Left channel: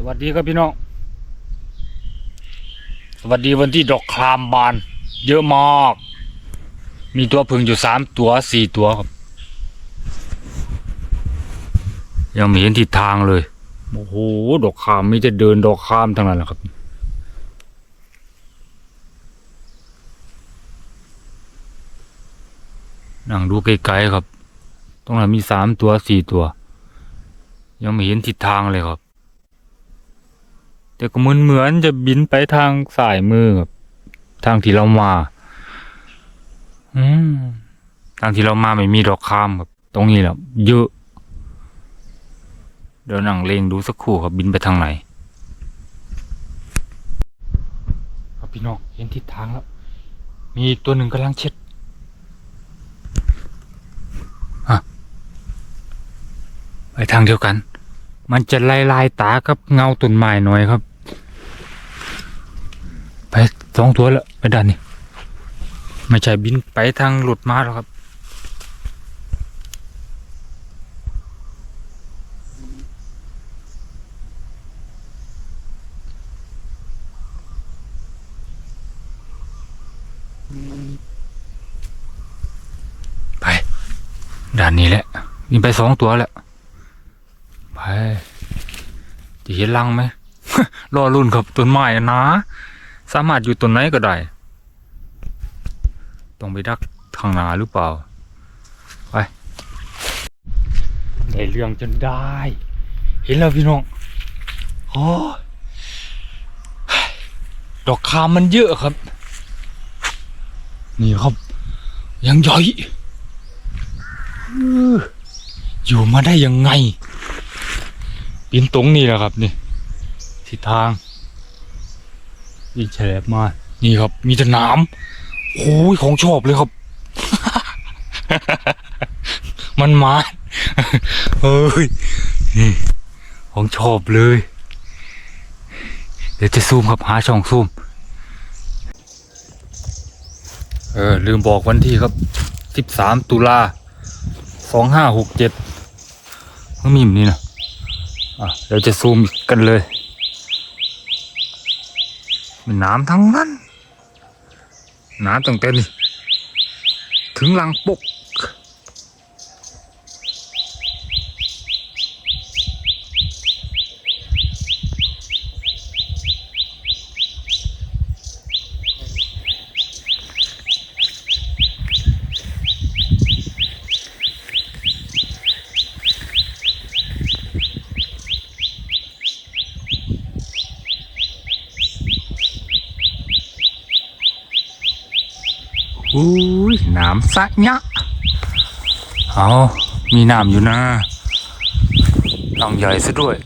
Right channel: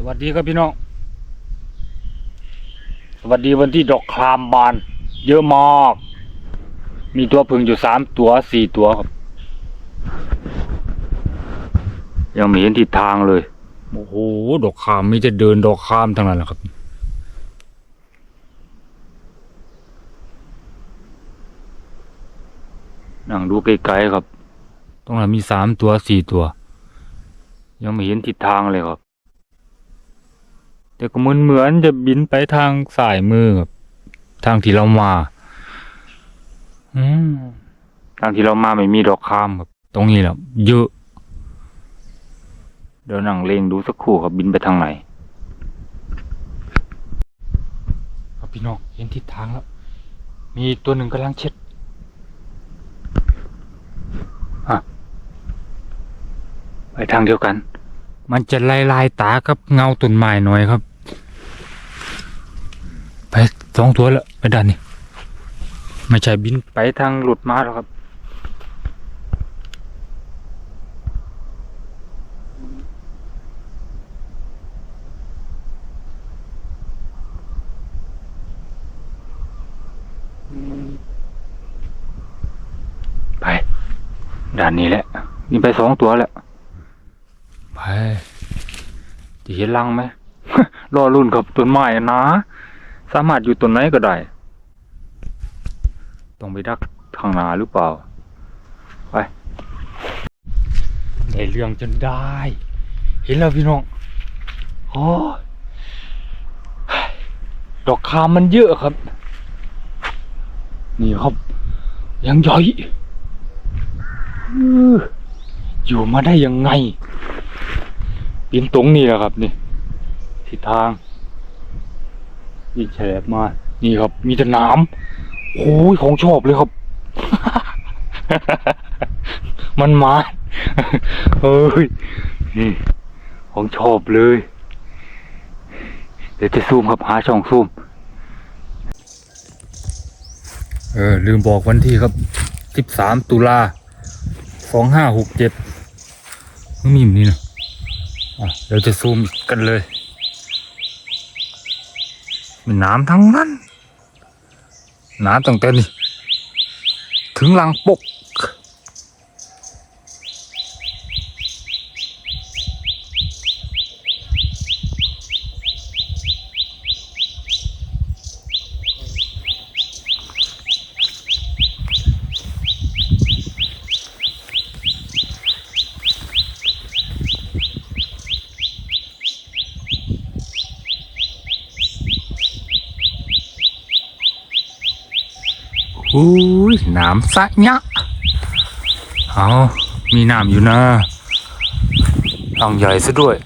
สวัสดีครับพี่น้อง สวัสดีวันที่ดอกครามบาน เยอะมาก มีตัวพึ่งอยู่สามตัวสี่ตัวครับ ยังไม่เห็นทิศทางเลย โอ้โห ดอกครามมแต่จะเดินดอกครามทั้งนั้นแหละครับนั่งดูไกลๆครับ ตรงนั้นมีสามตัวสี่ตัว ยังไม่เห็นทิศทางเลยครับ แต่ก็เหมือนเหมือนจะบินไปทางสายมือครับทางที่เรามา อืมทางที่เรามาไม่มีดอกคามครับตรงนี้แหละเยอะเดี๋ยวนั่งเลงดูสักครู่ครับบินไปทางไหนครับพี่น้องเห็นทิศทางแล้ว มีตัวหนึ่งกำลังเช็ดอะไปทางเดียวกัน มันจะลายลายตากับเงาต้นไม้หน่อยครับ ไปสองตัวแล้วไปด้านนี้ไม่ใช่บินไปทางหลุดมาแล้วครับไปด้านนี้แหละบินไปสองตัวแล้ว ไปจะเห็นรังไหมรอรุ่นครับต้นไม้นะ สามารถอยู่ต้นไหนก็ได้ ต้องไปดักทางหนาหรือเปล่า ไป ได้เรื่องจนได้ เห็นแล้วพี่น้องโอ้ดอกคามมันเยอะครับ นี่ครับ ยังใหญ่อื้ออยู่มาได้ยังไง ปีนตรงนี่แหละครับ นี่ทิศทางยิงแฉลบมา นี่ครับ มีแต่น้ำโอ้ยของชอบเลยครับ มันมาเฮ้ยนี่ของชอบเลย เดี๋ยวจะซูมครับหาช่องซูม เออ ลืมบอกวันที่ครับ13ตุลา2567มันมีแบบนี้นะ เราจะซูมกันเลยมันน้ำทั้งนั้นน้ำตั้งแต่นี่ถึงหลังปก อุ้ยน้ำสะยะเอามีน้ำอยู่นะลำใหญ่ซะด้วย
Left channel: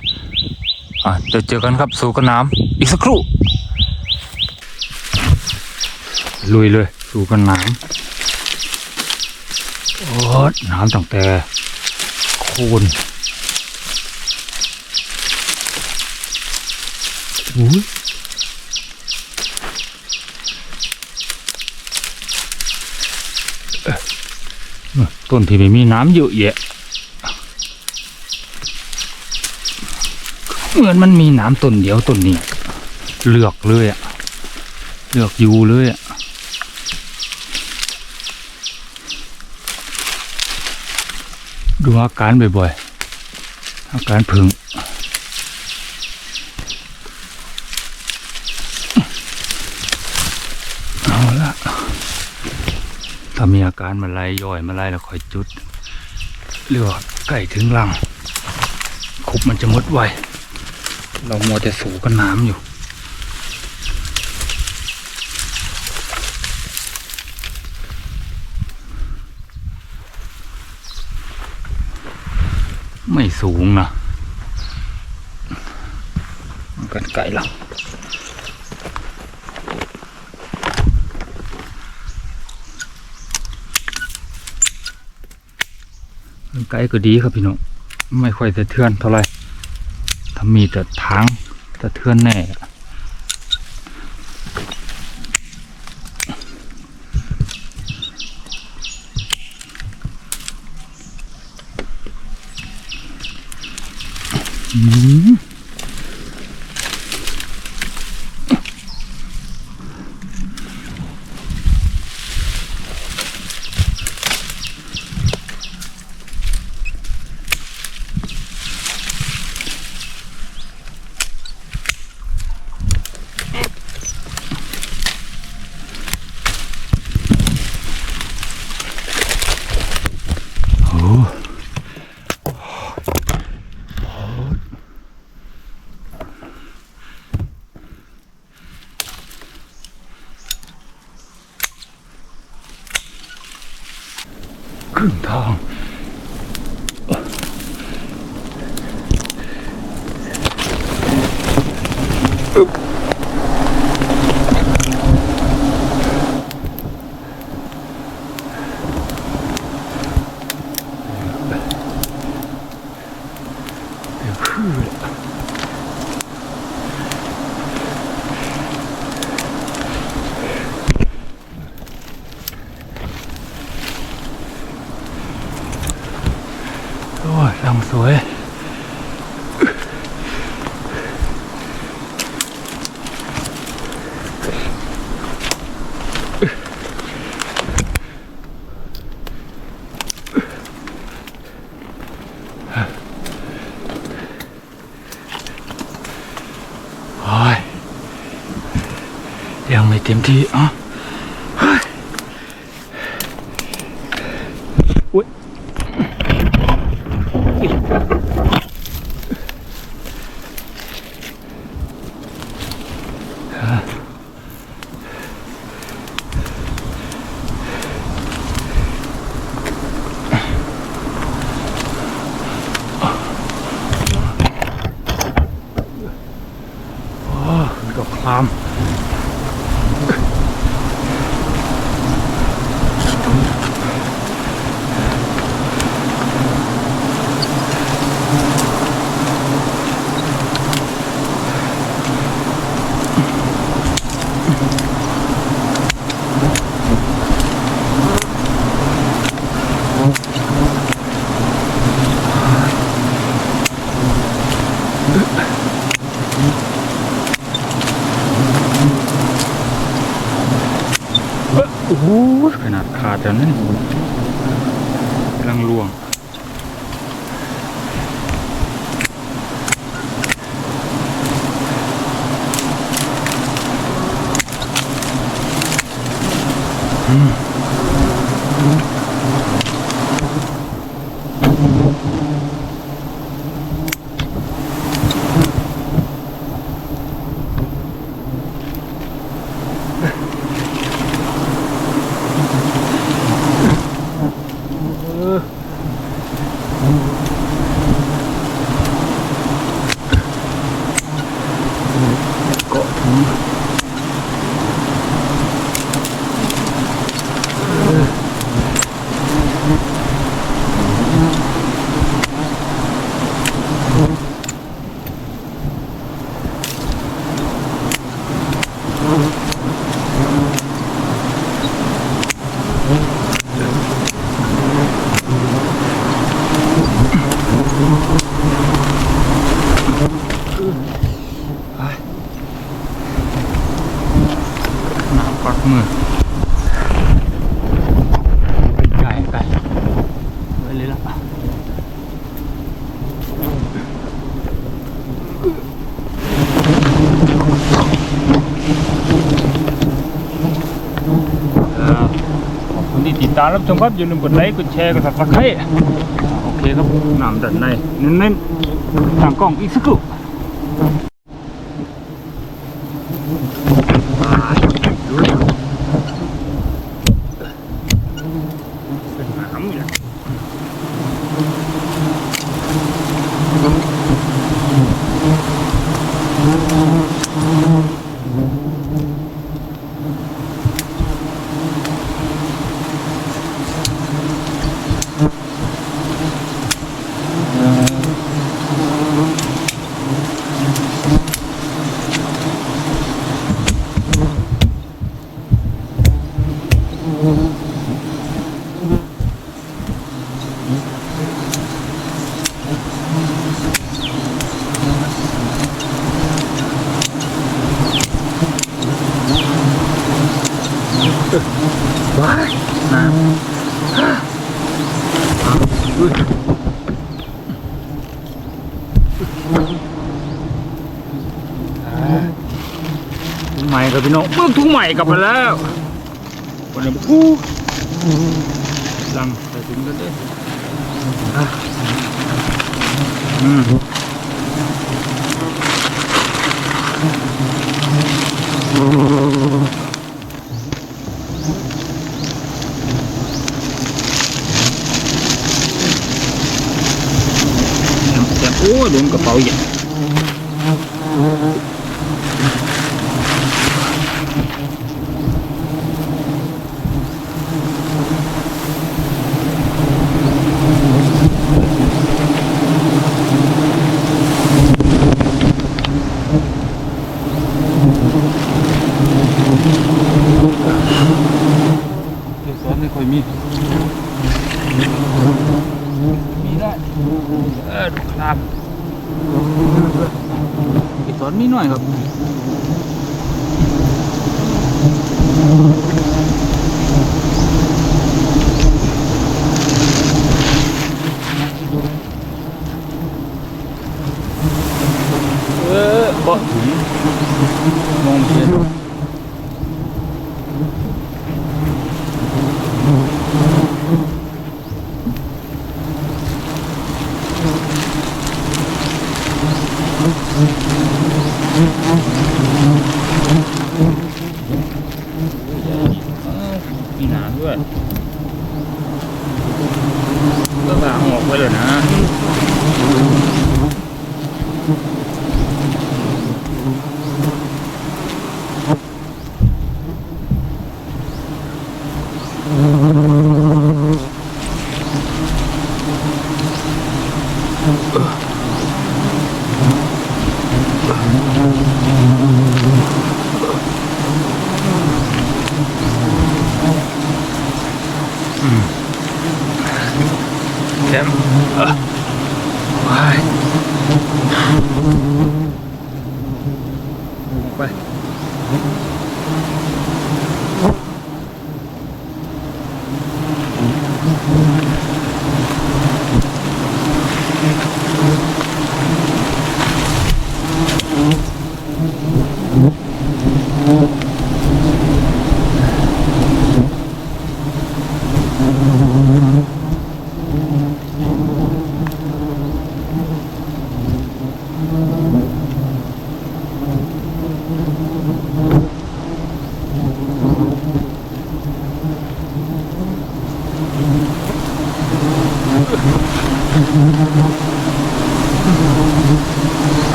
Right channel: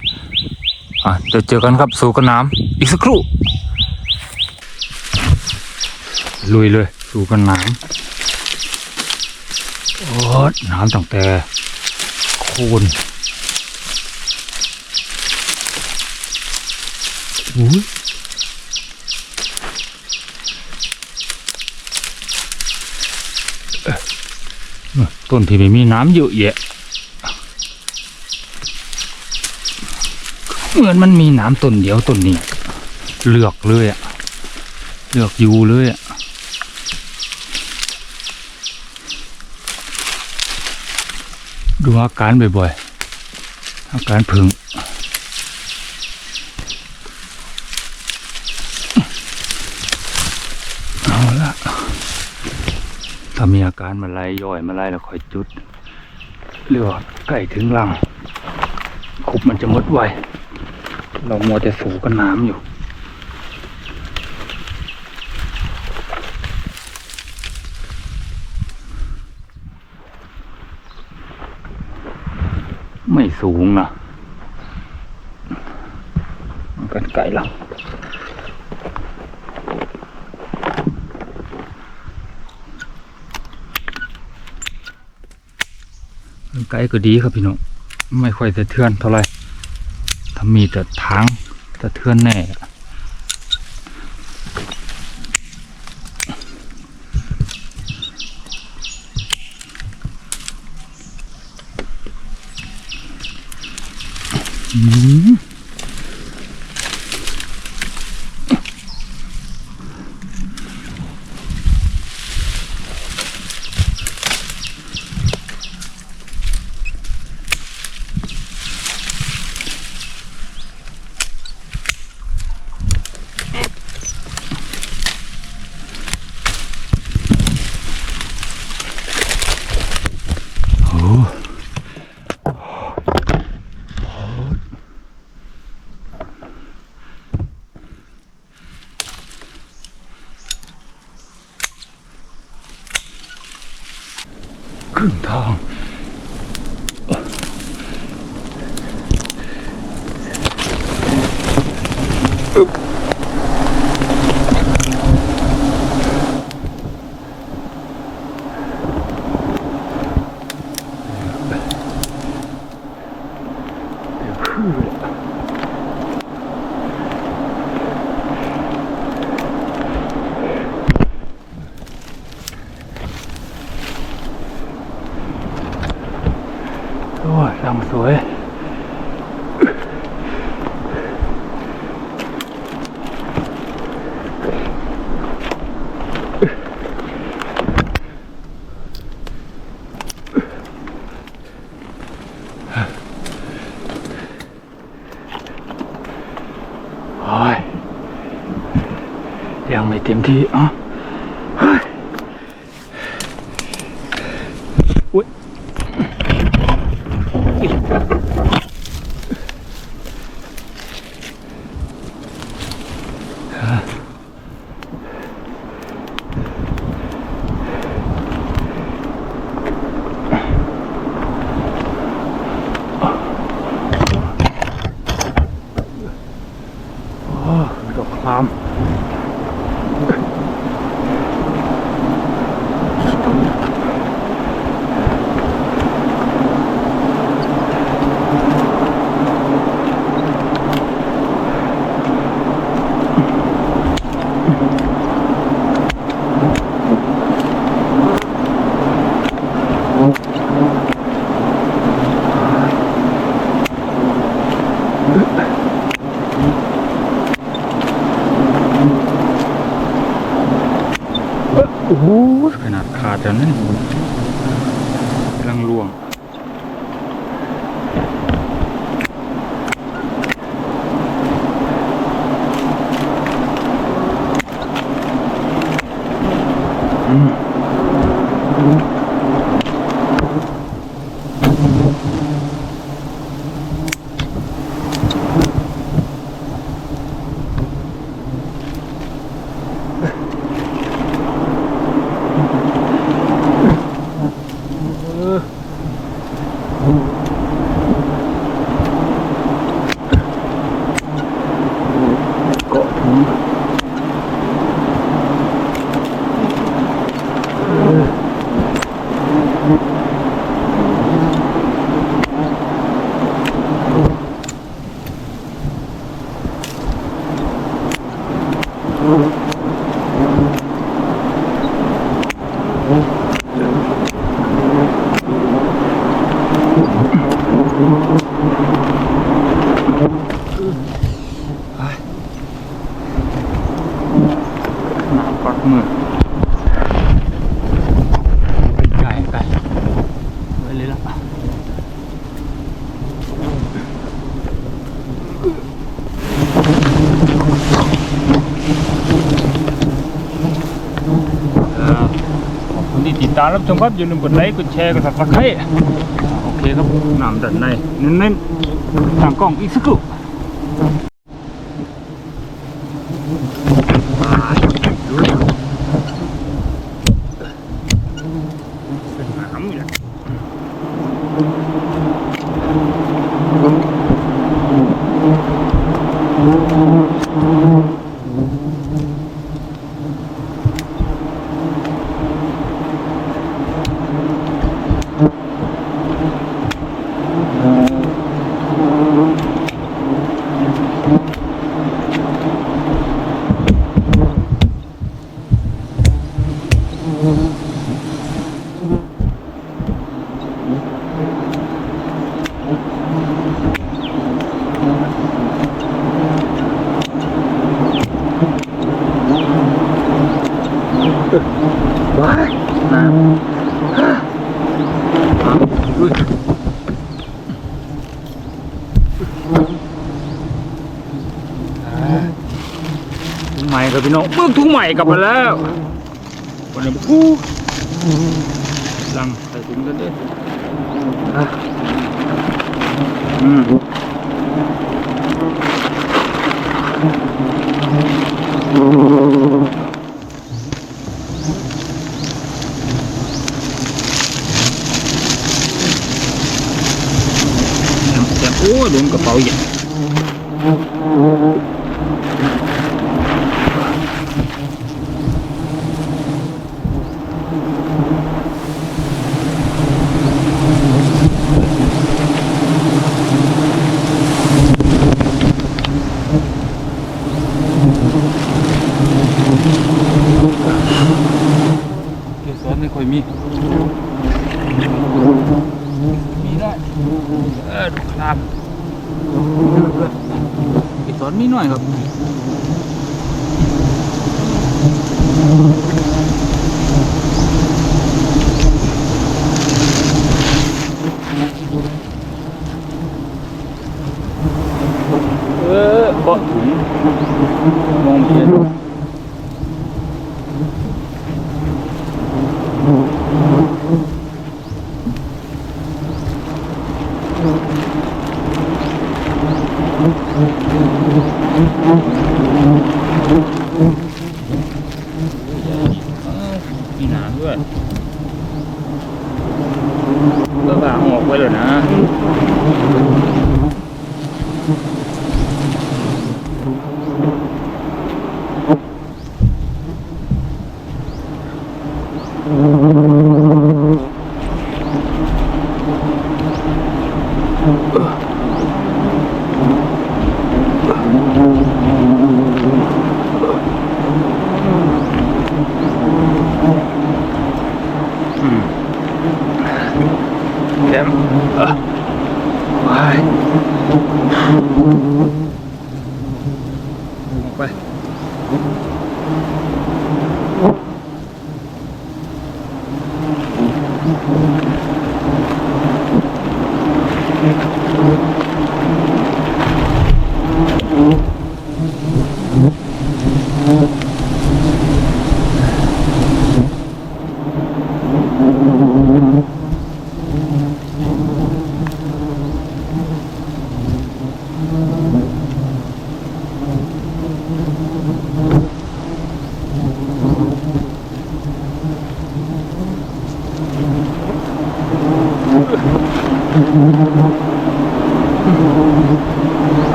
อะ เดี๋ยวเจอกันครับสู่กันน้ำอีกสักครู่ ลุยเลยสู่กันน้ำโอ้น้ำตั้งแต่โคนอุ้ย ต้นที่ไม่มีน้ำเยอะแยะ เหมือนมันมีน้ำต้นเดียวต้นนี้ เลือกเลยอะเลือกอยู่เลยอะดูอาการบ่อยๆ อาการผึ่งเอาละ ถ้ามีอาการมาไล่ย่อยมาไล่แล้วคอยจุดเรียกว่าใกล้ถึงรังคุบมันจะมดไว เรามัวแต่สูกันน้ำอยู่ไม่สูงนะมันกันไกลแล้ว ไกลก็ดีครับพี่น้องไม่ค่อยสะเทือนเท่าไหร่ถ้ามีแต่ทางสะเทือนแน่อืม รึ่งทางโอ้ยลำสวย ยังไม่เต็มที่อะเฮ้ยอุ๊ย โอ้มันก็คลามเอ้อโอ้โหข นาดขาดแล้วนั่นกำลังรวง เก ปักมือไก่ไก่ไว้เลยละขอบคุณที่ติดตามรับชมครับอย่าลืมกดไลค์กดแชร์กด subscribe โอเครับน้ำดันในเน้นๆทางกล้องอีกสักครู่ ทุ่งใหม่ครับพี่น้องเมื่อทุ่งใหม่กลับมาแล้ววันนี้อู้ลังใส่ถุงกันเด้ออะอืม อีกตอนนี้หน่อยครับ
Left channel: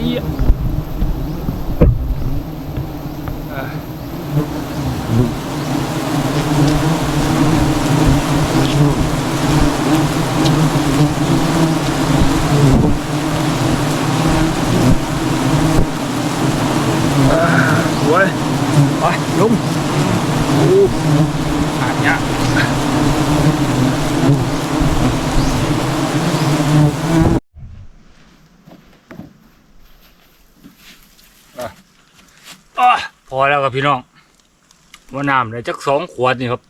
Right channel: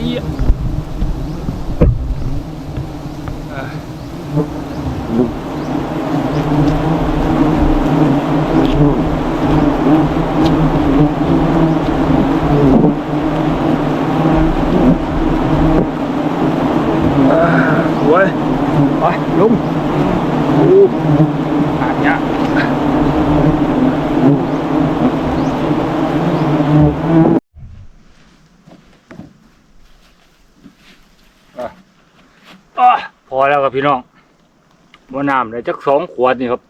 เรียสวยไปลุงโอ้ขาดเนี้ยอะ พอแล้วครับพี่น้องว่าน้ำเลยจักสองขวดนี่ครับ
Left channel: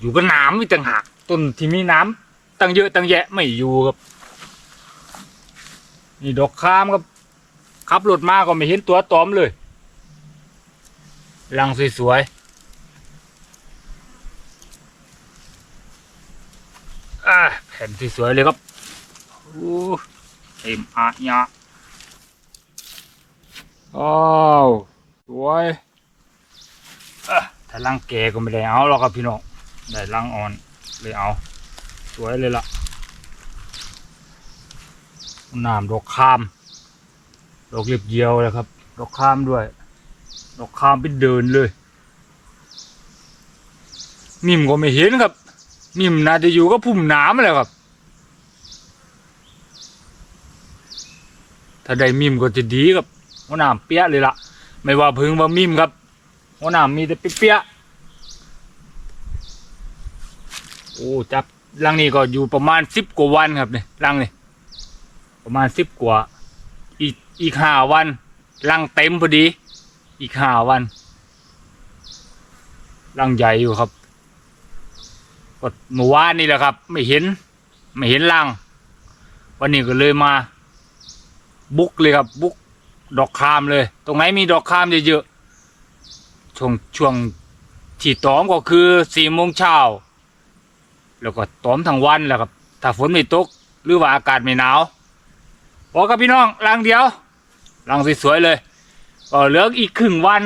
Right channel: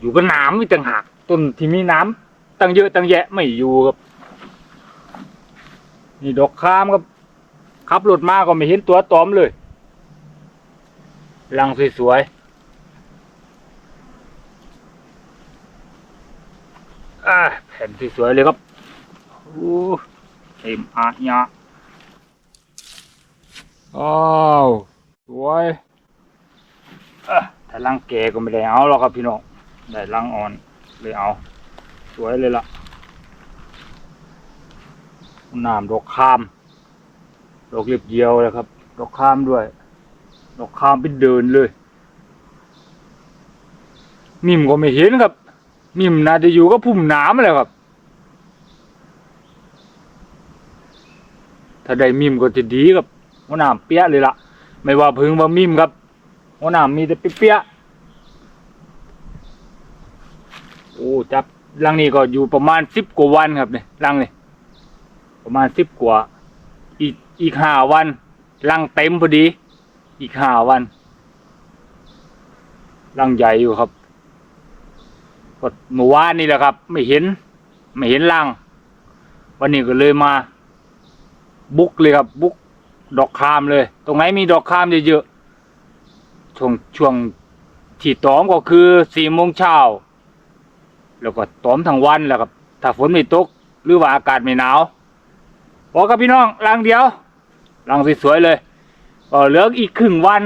อยู่กับน้ำอีต่างหากต้นที่มีน้ำตั้งเยอะตั้งแยะไม่อยู่ครับ นี่ดอกคามครับขับรถมาก็ไม่เห็นตัวตอมเลยลังสวยๆแผ่นสวยๆเลยครับโอ้เต็มอาญะ อ้าวสวยอะถ้าลังแกก็ไม่ได้เอาหรอกครับพี่น้องได้ลังอ่อนเลยเอา สวยเลยล่ะน้ำดอกคามดอกเล็บเยียวเลยครับดอกข้ามด้วย ดอกข้ามไปเดินเลย มิมก็ไม่เห็นครับ มิมน่าจะอยู่ก็พุ่มน้ำเลยครับ ถ้าได้มิมก็จะดีครับ หัวหน้ำเปี้ยเลยล่ะ ไม่ว่าพึ่งว่ามิมครับหัวหน้ำมีแต่เปี้ยโอ้จับรังนี้ก็อยู่ประมาณสิบกว่าวันครับเนี่ยรังนี่ประมาณสิบกว่าอีกอีกห้าวันรังเต็มพอดี อีกห้าวันรังใหญ่อยู่ครับก็เมื่อวานนี่แหละครับ ไม่เห็น ไม่เห็นรัง วันนี้ก็เลยมา บุกเลยครับ บุก ดอกคามเลย ตรงไหนมีดอกคามเยอะๆช่วงช่วงที่ตอมก็คือสี่โมงเช้าแล้วก็ตอมทั้งวันแหละครับถ้าฝนไม่ตกหรือว่าอากาศไม่หนาวพอกับพี่น้องรังเดียวรังสวยๆเลยก็เหลืออีกครึ่งวัน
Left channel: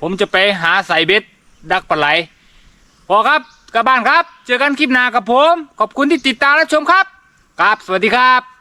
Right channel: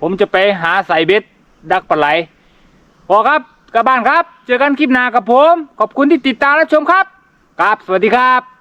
ผมจะไปหาใส่เบ็ดดักปลาไหลพอครับกลับบ้านครับ เจอกันคลิปหน้ากับผม ขอบคุณที่ติดตามและชมครับครับสวัสดีครับ